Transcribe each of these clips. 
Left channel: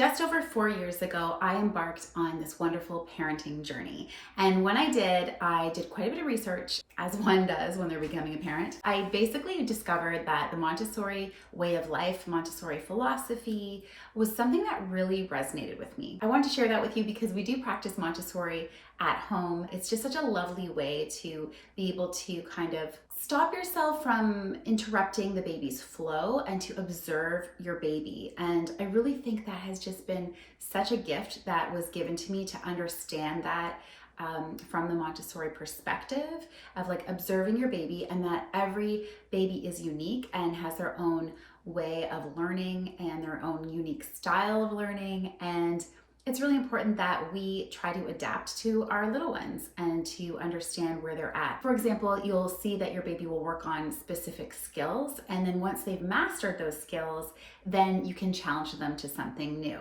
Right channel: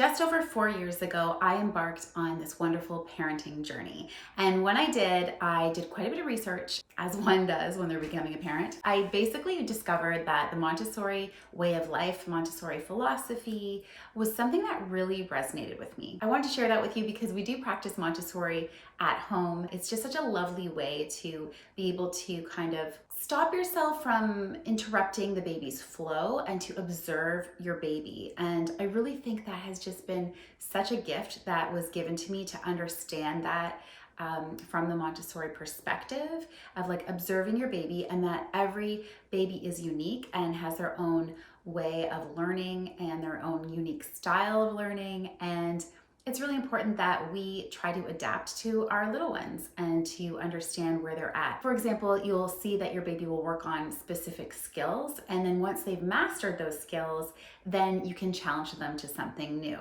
Just over 4 years ago, I embarked on this wonderful parenting journey. And when I did quite a bit of research, as one does when they're becoming a parent. I basically discovered that the Montessori way of life, Montessori philosophy, was something that really resonated with me. I wanted to share that with you because we do practice Montessori at home. It's just such a lovely way to be able to kind of stop yourself from interrupting the baby's flow and to observe your baby. And I really think that has just been such a gift that was given to me to understand that from the Montessori perspective of like observing your baby, and that every baby is unique and has their own way of learning and their own unique style of learning. And it's really important that we try to adapt to our little ones and to understand where they're at. For example, you'll see that your baby will work on specific skills, and then once they've mastered those skills, then you can challenge them to something new.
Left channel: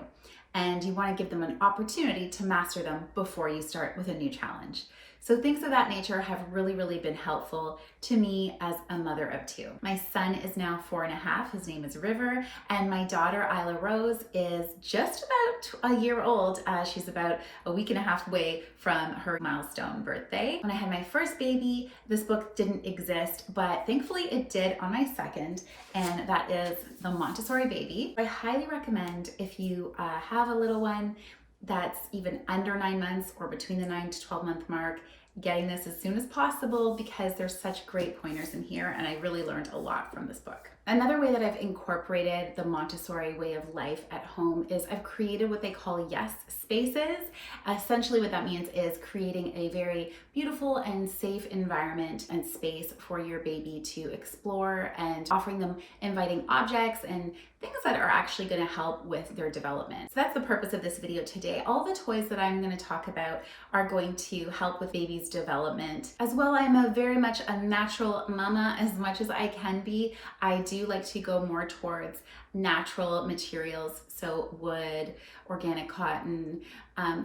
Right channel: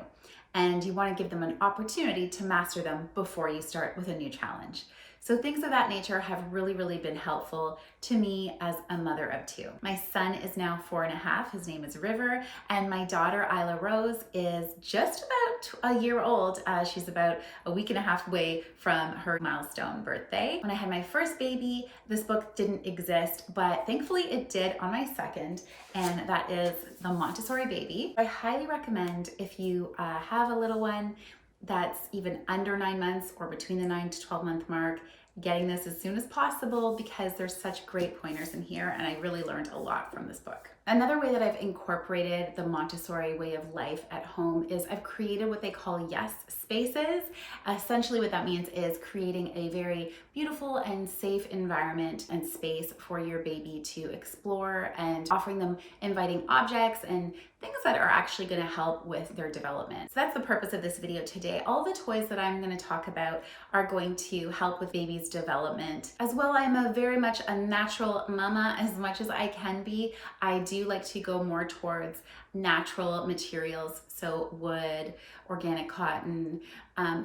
And you want to give them an opportunity to master them before you start with a new challenge. So things of that nature have really been helpful to me as a mother of two. My son is now 4.5. His name is River, and my daughter Isla Rose is just about a year old. She's about a week and a half away from her milestone birthday. When I had my first baby, this book didn't exist, but thankfully it did on my second, and that is The Montessori Baby. I highly recommend, if you have a little one that's even under 9 months or between the 9 to 12 month mark, getting this as soon as possible, because there's such great pointers in here, and I really learned a lot from this book. Another way that I've incorporated the Montessori way of life at home is I've created what they call yes spaces. Essentially what that means is creating a very beautiful and safe environment and space for your baby to explore, and offering them inviting objects and things that are actually going to help with their development. So that's the purpose of this video today. All the toys that I'm going to talk about are going to help with baby's development. As well, I am very much a natural mama as much as I can be. I do like to go more towards natural materials, so wood, organic cotton,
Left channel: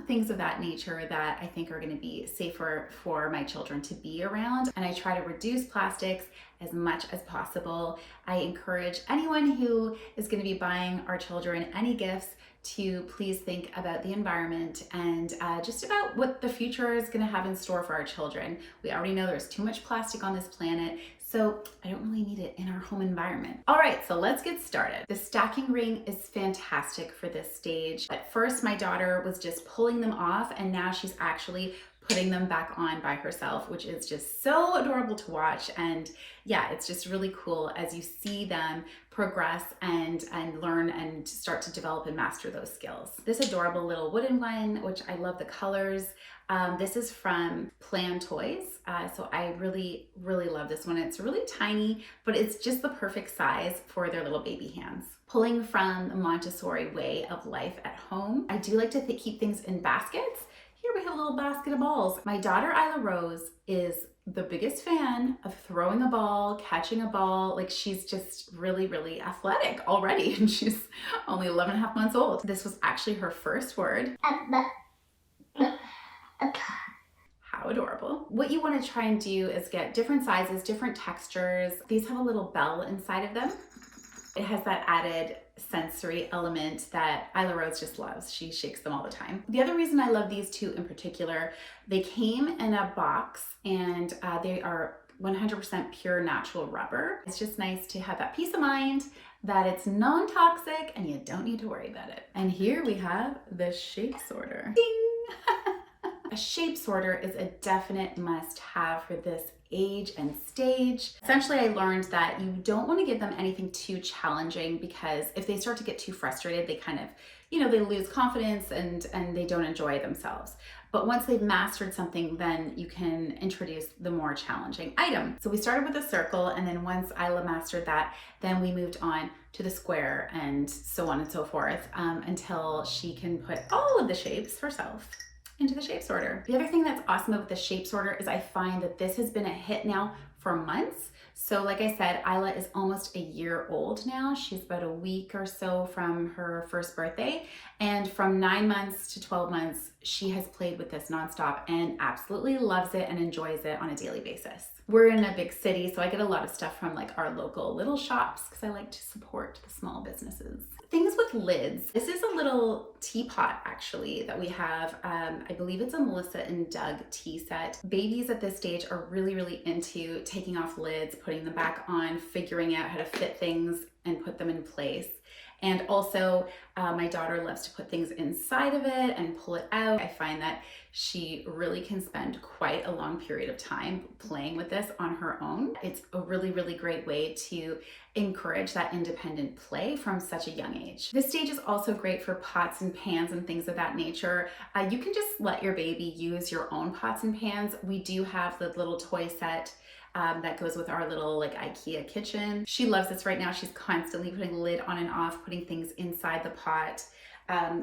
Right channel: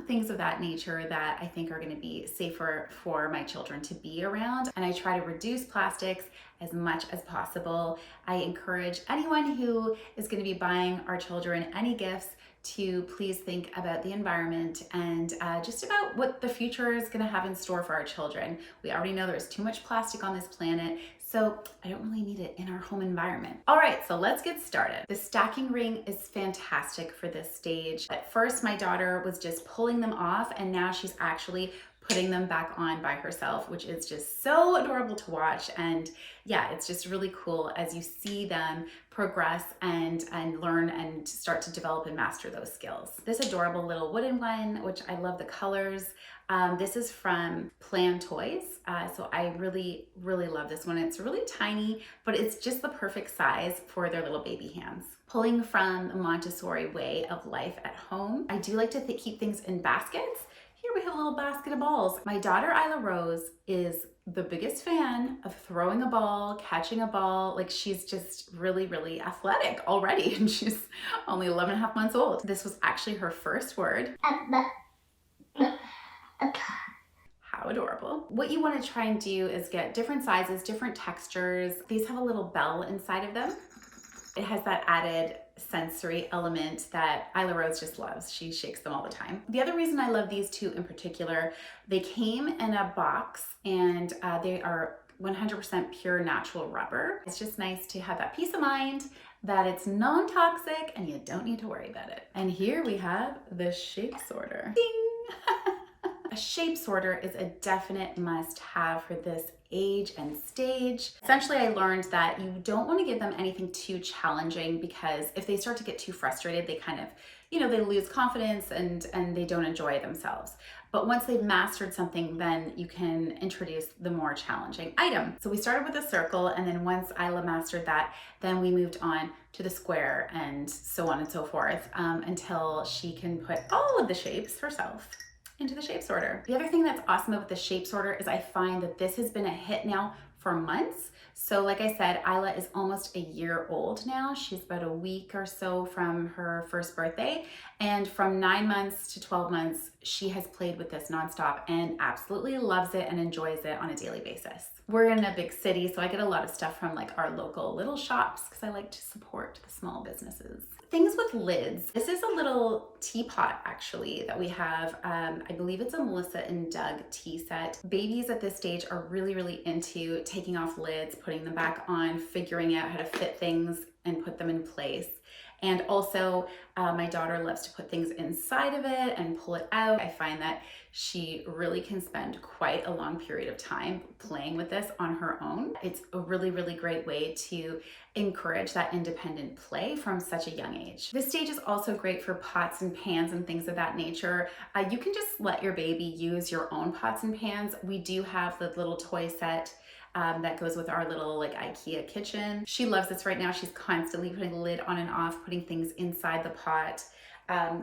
things of that nature that I think are going to be safer for my children to be around. And I try to reduce plastics as much as possible. I encourage anyone who is going to be buying our children any gifts to please think about the environment and just about what the future is going to have in store for our children. We already know there's too much plastic on this planet, so I don't really need it in our home environment. All right, so let's get started. The stacking ring is fantastic for this stage. At first, my daughter was just pulling them off, and now she's actually putting them back on by herself, which is just so adorable to watch. And yeah, it's just really cool as you see them progress and learn and start to develop and master those skills. This adorable little wooden one, which I love the colors. This is from Plan Toys. So I really love this one. It's really tiny, but it's just the perfect size for their little baby hands. Pulling from the Montessori way of life at home, I do like to keep things in baskets. Here we have a little basket of balls. My daughter Isla Rose is the biggest fan of throwing a ball, catching a ball. Like, she's just really athletic already, and she's only 11.5 months old. This was actually her first word. How adorable. What you want to try and do is get different sizes, different textures. These have a little bell inside of them. It has that added sensory element that Isla Rose just loves. She shakes them all the time. The other reason I love these two in particular, they came in a box, and they are 100% pure natural rubber. It's just nice to have that peace of mind that it's non-toxic and you don't need to worry about it. And here we have the shape sorter. Ding! A shape sorter is a definite must-have for this age and stage. Essentially, I learned that you don't want to give them anything too challenging, because if they start to get too frustrated, they kind of, they lose confidence and they don't enjoy themselves. But once they've mastered something, then you can introduce the more challenging item. So we started with a circle, and then once Isla mastered that, then we moved on to the square and so on and so forth, until she can put all of the shapes herself into the shape sorter. The other thing that's awesome with the shape sorter is I find that this has been a hit now for months. So like I said, Isla is almost a year old now. She's about a week or so from her first birthday. And from 9 months to 12 months, she has played with this nonstop and absolutely loves it and enjoys it on a daily basis. We're in a big city, so I get a lot of stuff from like our local little shops because I like to support the small businesses. Things with lids. This is a little teapot actually that we have. I believe it's a Melissa and Doug tea set. Babies at this stage are really into taking off lids, putting them back on, figuring out how to fit things and put them in place. And also my daughter loves to put things inside of it and pull it out. I find that she really can spend quite a long period of time playing with this on her own. It's a really great way to encourage that independent play from such a young age. This stage is also great for pots and pans and things of that nature. You can just let your baby use your own pots and pans. We do have the little toy set that goes with our little like IKEA kitchen. She loves this right now. She's constantly putting the lid on and off, putting things inside the pot.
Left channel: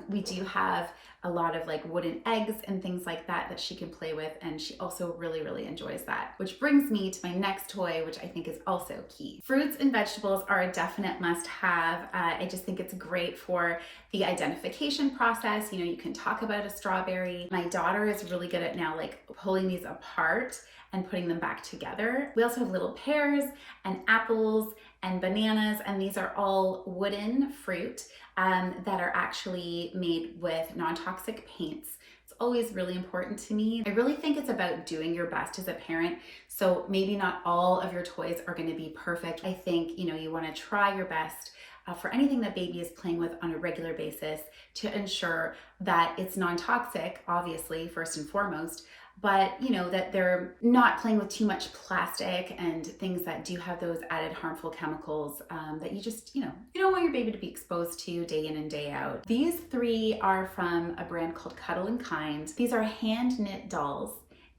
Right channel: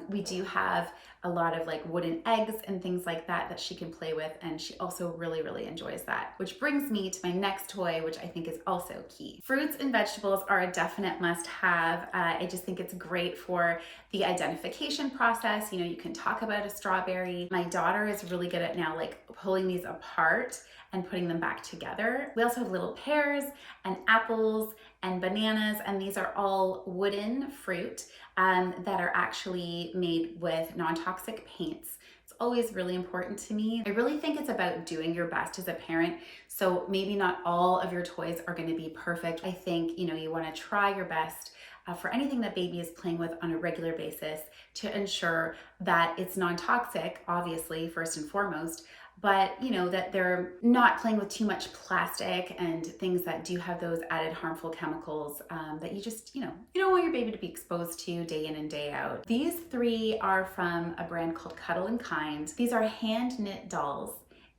We do have a lot of like wooden eggs and things like that she can play with, and she also really enjoys that. Which brings me to my next toy, which I think is also key. Fruits and vegetables are a definite must-have. I just think it's great for the identification process. You know, you can talk about a strawberry. My daughter is really good at now like pulling these apart and putting them back together. We also have little pears and apples and bananas, and these are all wooden fruit that are actually made with non-toxic paints. It's always really important to me. I really think it's about doing your best as a parent. So maybe not all of your toys are going to be perfect. I think, you know, you want to try your best for anything that baby is playing with on a regular basis to ensure that it's non-toxic, obviously, first and foremost, but you know, that they're not playing with too much plastic and things that do have those added harmful chemicals that you just, you don't want your baby to be exposed to day in and day out. These three are from a brand called Cuddle and Kind. These are hand knit dolls.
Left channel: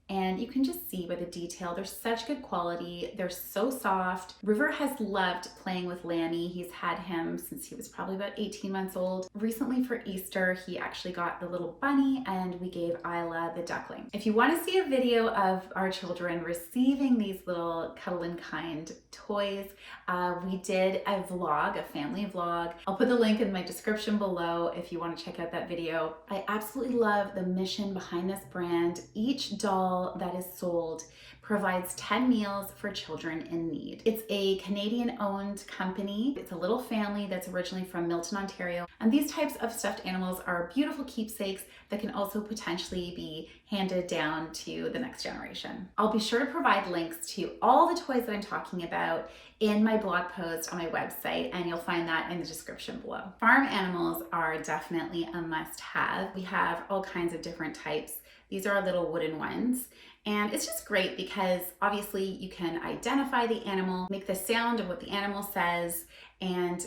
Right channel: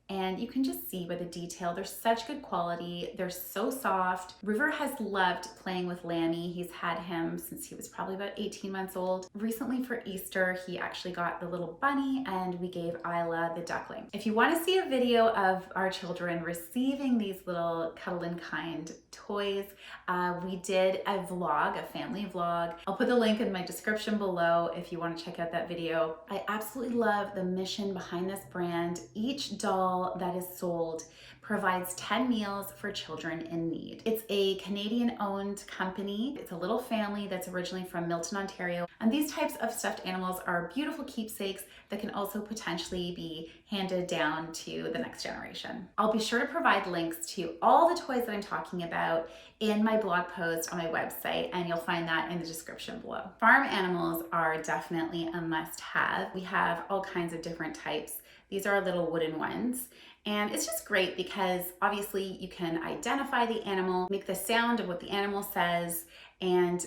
And you can just see by the detail, they're such good quality. They're so soft. River has loved playing with Lammy. He's had him since he was probably about 18 months old. Recently for Easter, he actually got the little bunny and we gave Isla the duckling. If you want to see a video of our children receiving these little Cuddle and Kind toys, we did a vlog, a family vlog. I'll put the link in my description below if you want to check out that video. I absolutely love the mission behind this brand. Each doll that is sold provides 10 meals for children in need. It's a Canadian-owned company. It's a little family that's originally from Milton, Ontario. And these types of stuffed animals are beautiful keepsakes that can also potentially be handed down to the next generation. I'll be sure to provide links to all the toys that I'm talking about in my blog post on my website, and you'll find that in the description below. Farm animals are definitely a must-have. We have all kinds of different types. These are our little wooden ones. And it's just great because obviously you can identify the animal, make the sound of what the animal says, and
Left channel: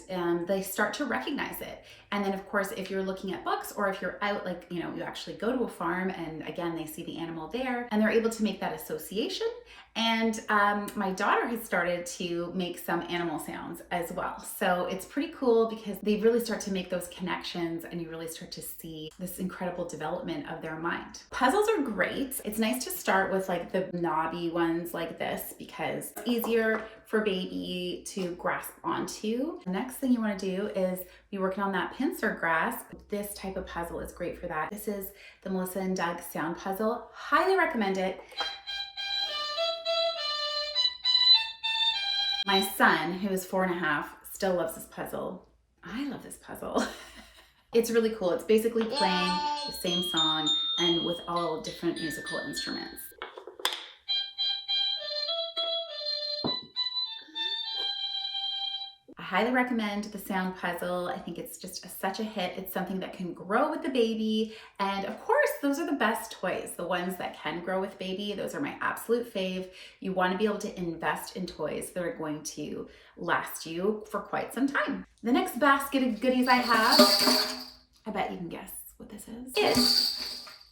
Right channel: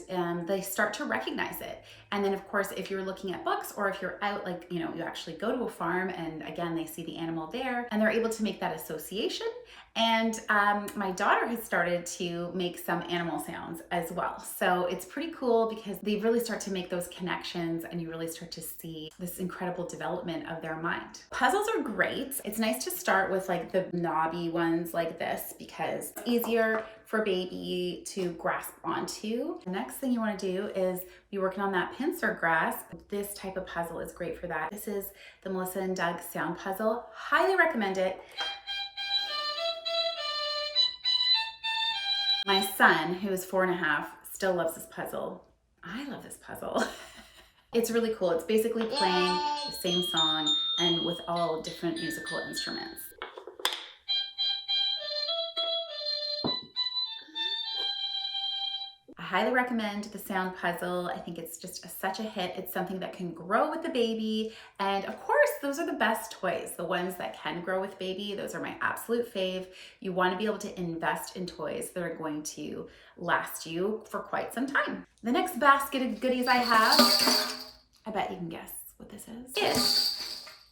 they start to recognize it. And then of course, if you're looking at books or if you're out, like, you actually go to a farm and again, they see the animal there and they're able to make that association. And my daughter has started to make some animal sounds as well. So it's pretty cool because they really start to make those connections and you really start to see this incredible development of their mind. Puzzles are great. It's nice to start with like the knobby ones like this because it's easier for baby to grasp onto. The next thing you want to do is be working on that pincer grasp. This type of puzzle is great for that. This is the Melissa and Doug sound puzzle. Highly recommend it. My son, who is 4.5, still loves this puzzle. I love this puzzle. It's really cool. It's basically playing the same song and with all different musical instruments. I highly recommend the sound puzzle. I think it's just such a hit. It's something that can grow with the baby. And of course, those are the best toys, the ones that can grow with baby. Those are my absolute fave. You want to be able to invest in toys that are going to last you for quite some time. The next basket of goodies I have, I bet you can guess what this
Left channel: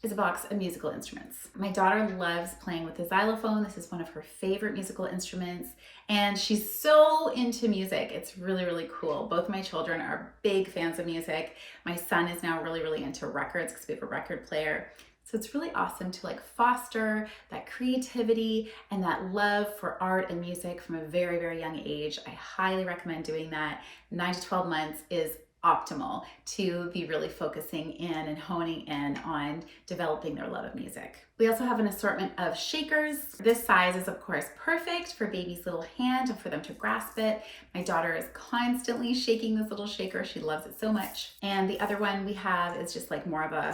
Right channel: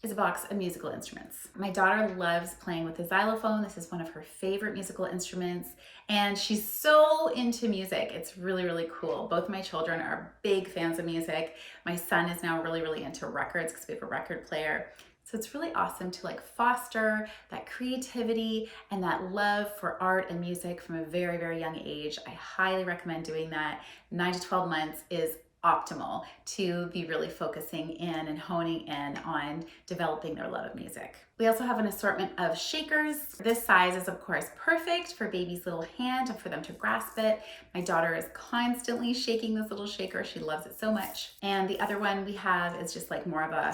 is a box of musical instruments. My daughter loves playing with the xylophone. This is one of her favorite musical instruments, and she's so into music. It's really cool. Both my children are big fans of music. My son is now really into records because we have a record player. So it's really awesome to like foster that creativity and that love for art and music from a very young age. I highly recommend doing that. 9 to 12 months is optimal to be really focusing in and honing in on developing their love of music. We also have an assortment of shakers. This size is of course perfect for baby's little hand and for them to grasp it. My daughter is constantly shaking this little shaker. She loves it so much. And the other one we have is just like more of a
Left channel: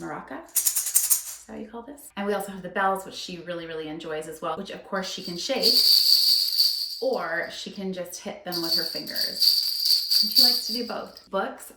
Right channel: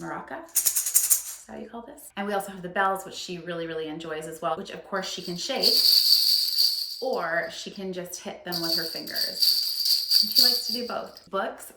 maraca. Is that how you call this? And we also have the bells, which she really enjoys as well, which of course she can shake, or she can just hit them with her fingers. And she likes to do both. Books,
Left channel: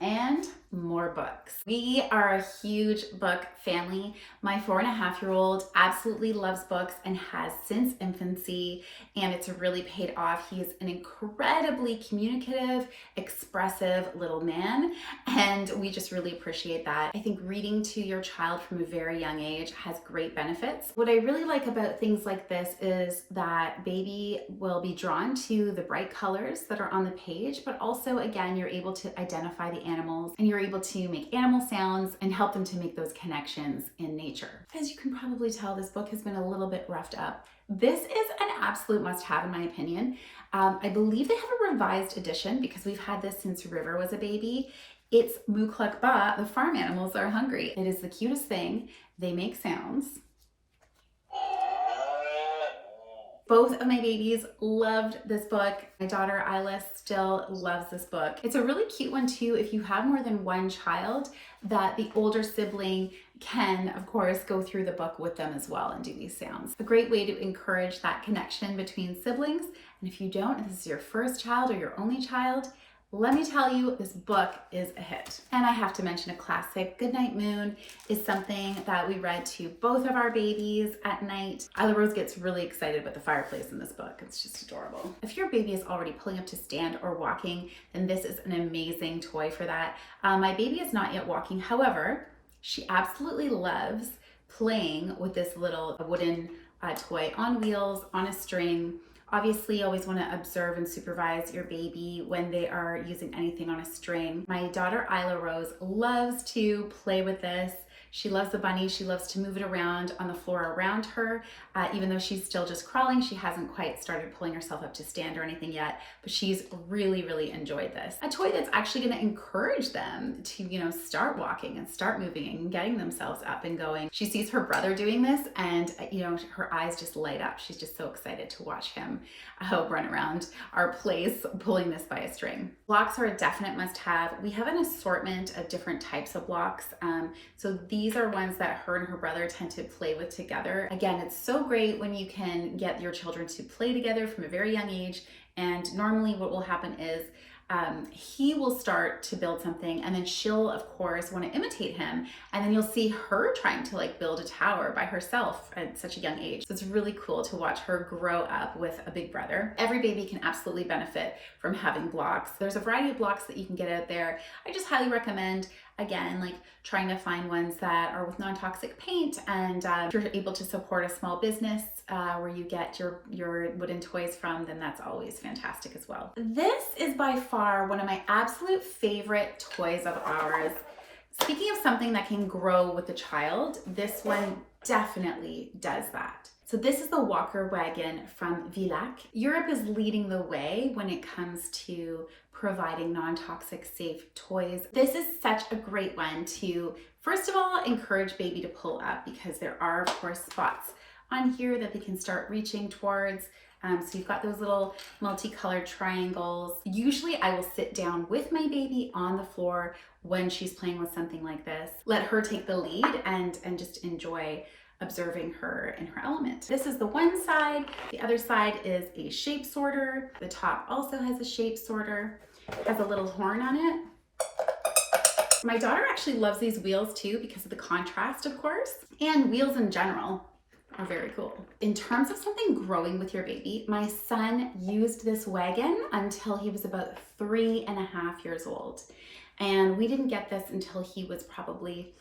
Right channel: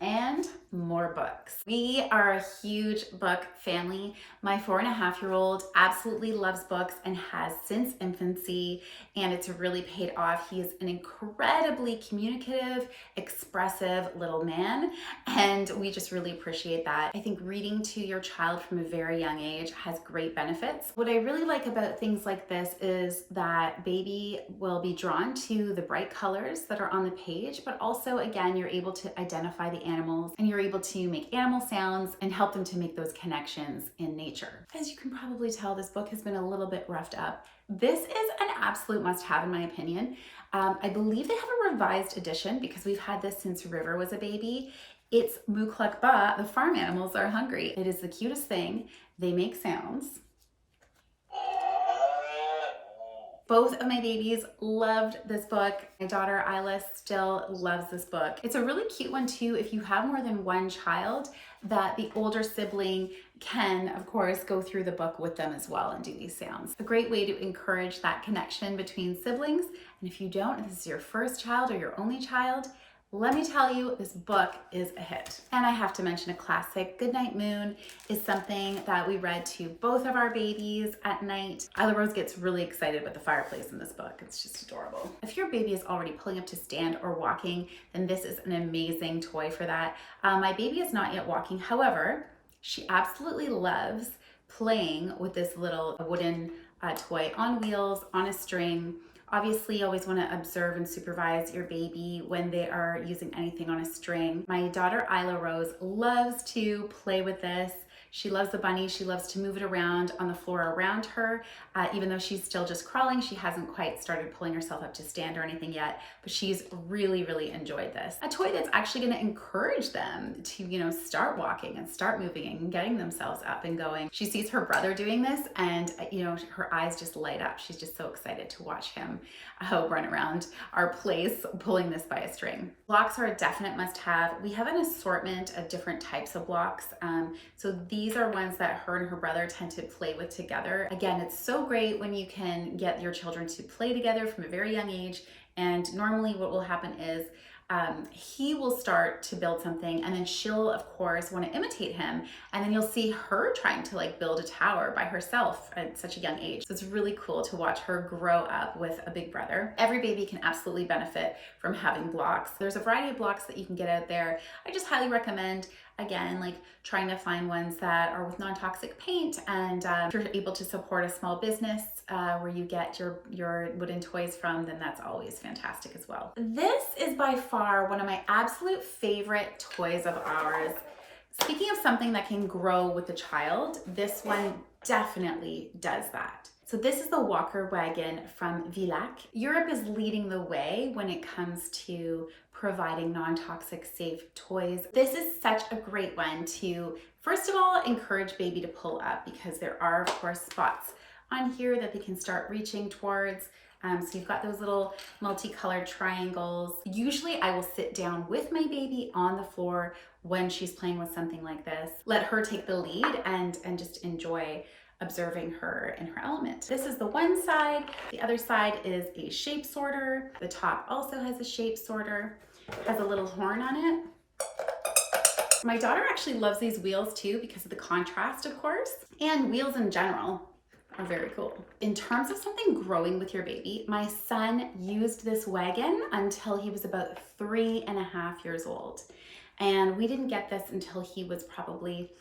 and more books. We are a huge book family. My 4.5-year-old absolutely loves books and has since infancy, and it's really paid off. He is an incredibly communicative, expressive little man, and we just really appreciate that. I think reading to your child from a very young age has great benefits. What I really like about things like this is that baby will be drawn to the bright colors that are on the page, but also, again, you're able to identify the animals and you're able to make animal sounds and help them to make those connections in nature. As you can probably tell, this book has been a little bit roughed up. This is an absolute must-have in my opinion. I believe they have a revised edition because we've had this since River was a baby. It's Mukluk Ba, the farm animals are hungry. It is the cutest thing. They make sounds. Both of my babies loved this book. My daughter Isla still loves this book. It's a really cute one too if you have more than one child, that the older sibling can, of course, go through the book with them as well and do these sounds. A great way to encourage that connection between siblings. And if you don't, if this is your first child or your only child, let me tell you, this book is a hit. And I have to mention a classic, Goodnight Moon, is something that we read to both of our babies at night. Isla Rose gets really excited with the fireplace in this book. It's just adorable. If your baby is already pulling up to stand or walking, then this is an amazing toy for that. My baby is not yet walking. However, she absolutely loves playing with this little wooden toy on wheels, on a string. Obviously, you always want to observe and supervise your baby when they are using anything on a string. My daughter Isla Rose loves to play with this. She loves the bunny. She loves to move it around on the floor around her. Even though she's still just crawling, she hasn't quite started pulling herself up to stand or anything yet, but she's really enjoyed this. A toy that's actually going to encourage them to, start walking and start moving and getting themselves up and going. She sees her brother doing this and, her eyes just light up. She's just so excited to watch him run around our place pulling this by a string. Blocks are a definite must-have. We have an assortment of different types of blocks. So these are ones that her and her brother tend to play with together. Again, it's so great when you can get your children to play together from a very young age. And normally what will happen is he will start to build something and then she'll of course want to imitate him, and then you'll see her trying to build a tower by herself at such a young age. So it's really cool to watch her grow up with a big brother. Every baby can absolutely benefit from having blocks. There's a variety of blocks that you can get out there. I just highly recommend, again, trying to find ones that are with non-toxic paint, and if you're able to support a small business where you get your wooden toys from, then that's always fantastic as well. This is by far one of my absolute favorite toys of ours. Speaking of something that can grow with the child, this one definitely does that. So this is the Walker Wagon from Villac. Europe is leading the way when it comes to providing non-toxic safe toys. This is such a great one to, first of all, encourage baby to pull up, because there are of course spots on here that they can start reaching towards. So you've got those little multicolored triangles. Usually I will sit down with my baby on the floor when she's playing with something like this. Let her take the lead and just enjoy observing her in her element. This is the one side. The other side is a shape sorter. The top also has a shape sorter. Has a little horn on it. My daughter actually loves these wheels too because of the contrast, of course, and wheels in general are very cool. In terms of something growing with your baby, my son used this wagon until he was about 3.5 years old. And we didn't get this until he was probably,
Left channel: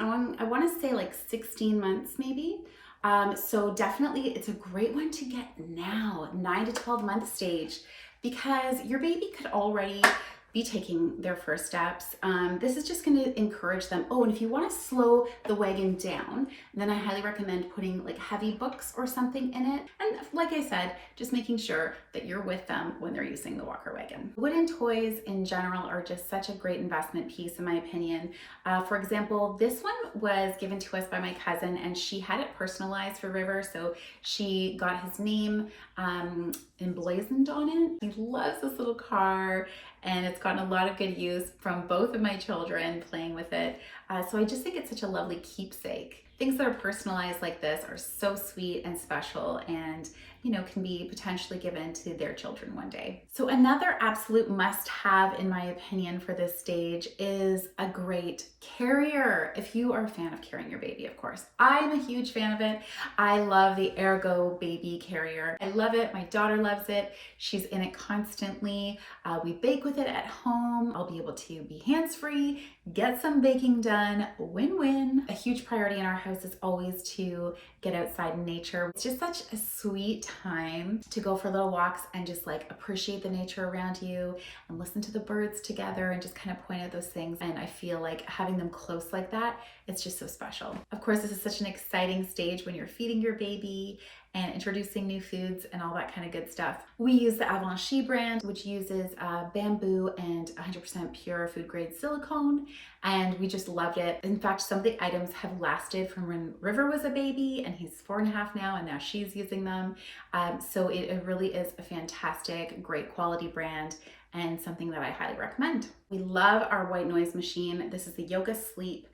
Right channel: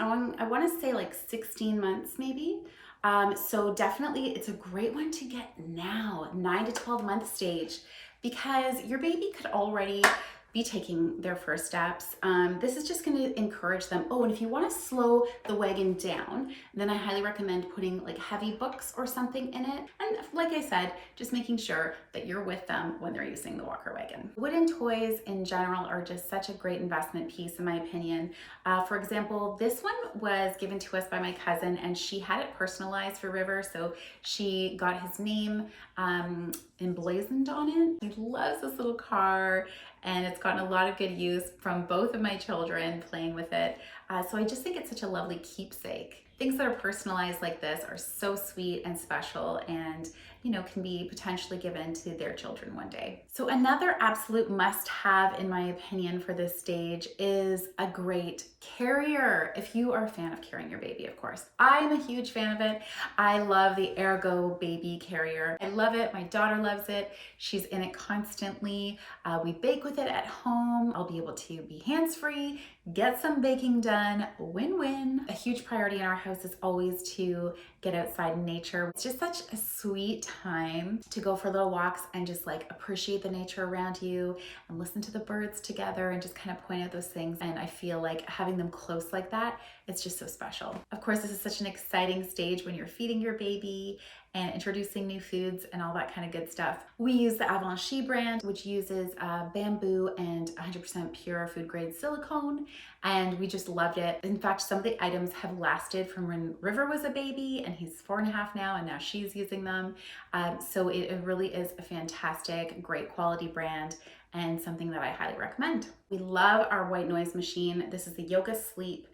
I want to say 16 months maybe. So definitely it's a great one to get now, 9 to 12 month stage, because your baby could already be taking their first steps, this is just going to encourage them. Oh, and if you want to slow the Wagon down, then I highly recommend putting like heavy books or something in it. And like I said, just making sure that you're with them when they're using the walker Wagon. Wooden toys in general are just such a great investment piece in my opinion. For example, this one was given to us by my cousin and she had it personalized for River. So she got his name emblazoned on it. He loves this little car and it's gotten a lot of good use from both of my children playing with it. So I just think it's such a lovely keepsake. Things that are personalized like this are so sweet and special and, you know, can be potentially given to their children one day. So another absolute must-have in my opinion for this stage is a great carrier. If you are a fan of carrying your baby, of course. I'm a huge fan of it. I love the Ergo baby carrier. I love it. My daughter loves it. She's in it constantly. We bake with it at home. I'll be able to be hands-free, get some baking done, win-win. A huge priority in our house is always to get outside in nature. It's just such a sweet time to go for little walks and just like appreciate the nature around you and listen to the birds together and just kind of point out those things. And I feel like having them close like that, it's just so special. Of course, this is such an exciting stage when you're feeding your baby and introducing new foods and all that kind of good stuff. We use the Avanchy brand, which uses bamboo and 100% pure food grade silicone, and we just loved it. In fact, some of the items have lasted from when River was a baby, and he's 4.5 now, and now she's using them. So it really is a fantastic, great quality brand and something that I highly recommend. We love our white noise machine. This is the Yoga Sleep.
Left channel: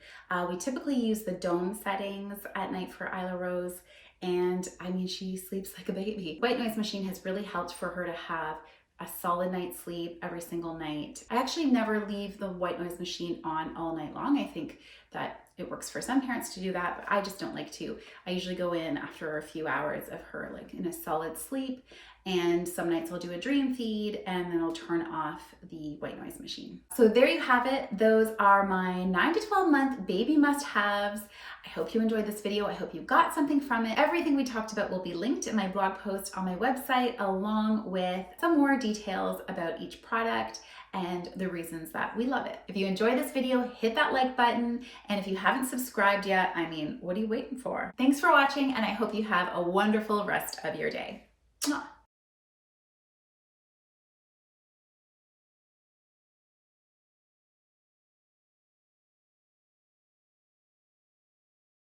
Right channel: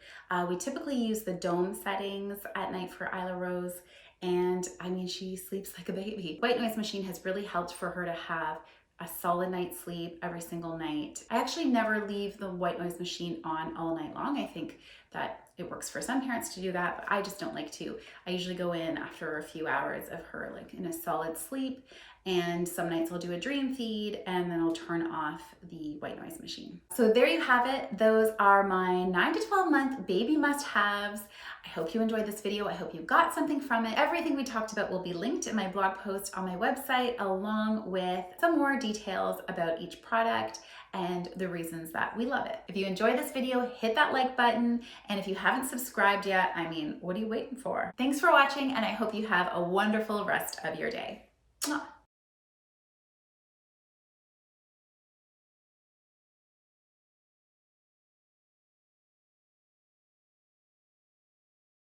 We typically use the dome settings at night for Isla Rose, and I mean, she sleeps like a baby. White noise machine has really helped for her to have a solid night's sleep every single night. I actually never leave the white noise machine on all night long. I think that it works for some parents to do that, but I just don't like to. I usually go in after a few hours of her like in a solid sleep, and some nights I'll do a dream feed and then I'll turn off the white noise machine. So there you have it. Those are my 9 to 12 month baby must-haves. I hope you enjoyed this video. I hope you got something from it. Everything we talked about will be linked in my blog post on my website, along with some more details about each product and the reasons that we love it. If you enjoyed this video, hit that like button. And if you haven't subscribed yet, I mean, what are you waiting for? Thanks for watching, and I hope you have a wonderful rest of your day.